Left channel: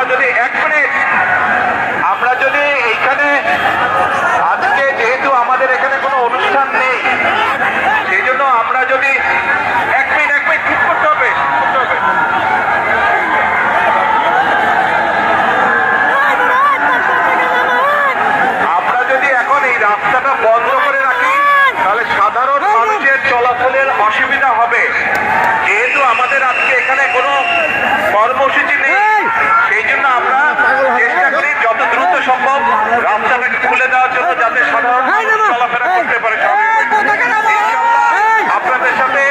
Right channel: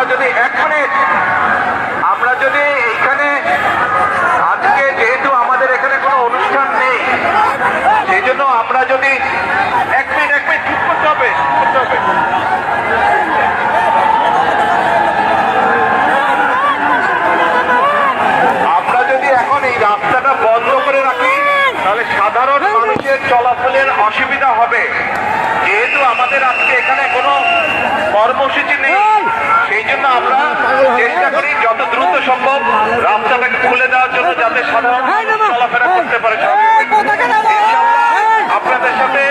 আমরা যদি 1 মিনিট, আমরা যদি এইখানে আজকে যেহেতু আমাদের এখানে কোনো অনুষ্ঠান নেই, সেই জন্য আমরা যদি 1 মিনিট ঠিক করতে হবে। আমরা যদি এখন এই রাস্তাটা বন্ধ করে রাখি তাহলে সাধারণ মানুষের চলাচলের অসুবিধা হবে। যেহেতু আমাদের আজকে এখানে কোনো কর্মসূচি নেই, সেই জন্য আমরা চেষ্টা করি যত দ্রুত সম্ভব রাস্তাটাকে খুলে দেওয়ার জন্য, যাতে সাধারণ মানুষ চলাফেরা করতে পারে। ইনশাল্লাহ আপনাদের সাথে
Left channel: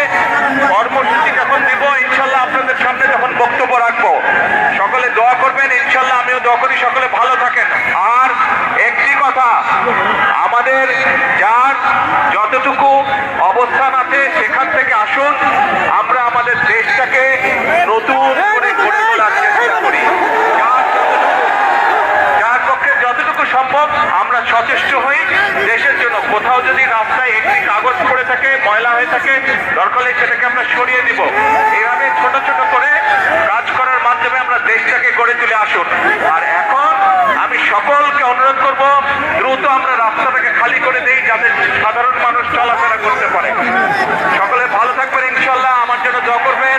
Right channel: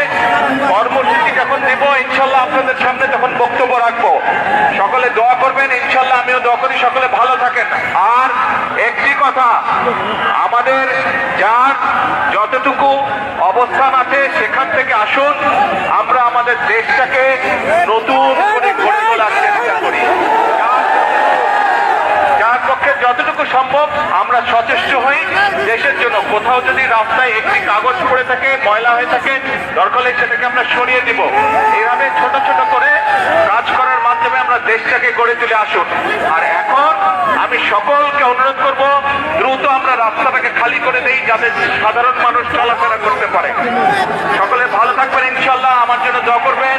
কর্মসূচি যখন দেব, ইনশাল্লাহ আপনাদের সামনে যখন বক্তব্য রাখবো, সকলে দোয়া করবেন। ইনশাল্লাহ আমিও দোয়া করি সকলে ভালো থাকেন। আর একটি কথা, আমাদের যার যতটুকু অবস্থান আছে সেখান থেকে আসুন, আমরা আমাদের দেশটাকে নতুন করে গড়ে তোলার চেষ্টা করি। যার পক্ষে যতটুকু সম্ভব আমরা সচেষ্ট হই দেশের জন্য। কোথাও যদি রাস্তায় একটি কাগজ পড়ে থাকে, ময়লা হয়ে থাকে, দরকার হলে সেটাকে আমরা সরিয়ে দিব। এইভাবে ছোট ছোট করে কাজ করার মাধ্যমে আমরা দেশটাকে গড়ে তুলে আসুন। আর এখন আমি সকলকে অনুরোধ করব, দ্রুত আমরা রাস্তাটাকে খালি করে দেই, যাতে সাধারণ মানুষ চলাফেরা করতে পারে। সকলে ভালো থাকবেন ইনশাল্লাহ। আমার জন্য দোয়া করবেন।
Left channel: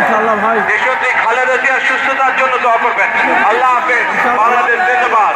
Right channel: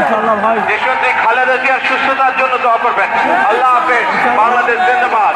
ইনশাআল্লাহ ভাই। দেশনেত্রী খালেদা জিয়ার সুস্থতার জন্য দোয়া করবেন। আল্লাহ হাফেজ। বাংলাদেশ জিন্দাবাদ।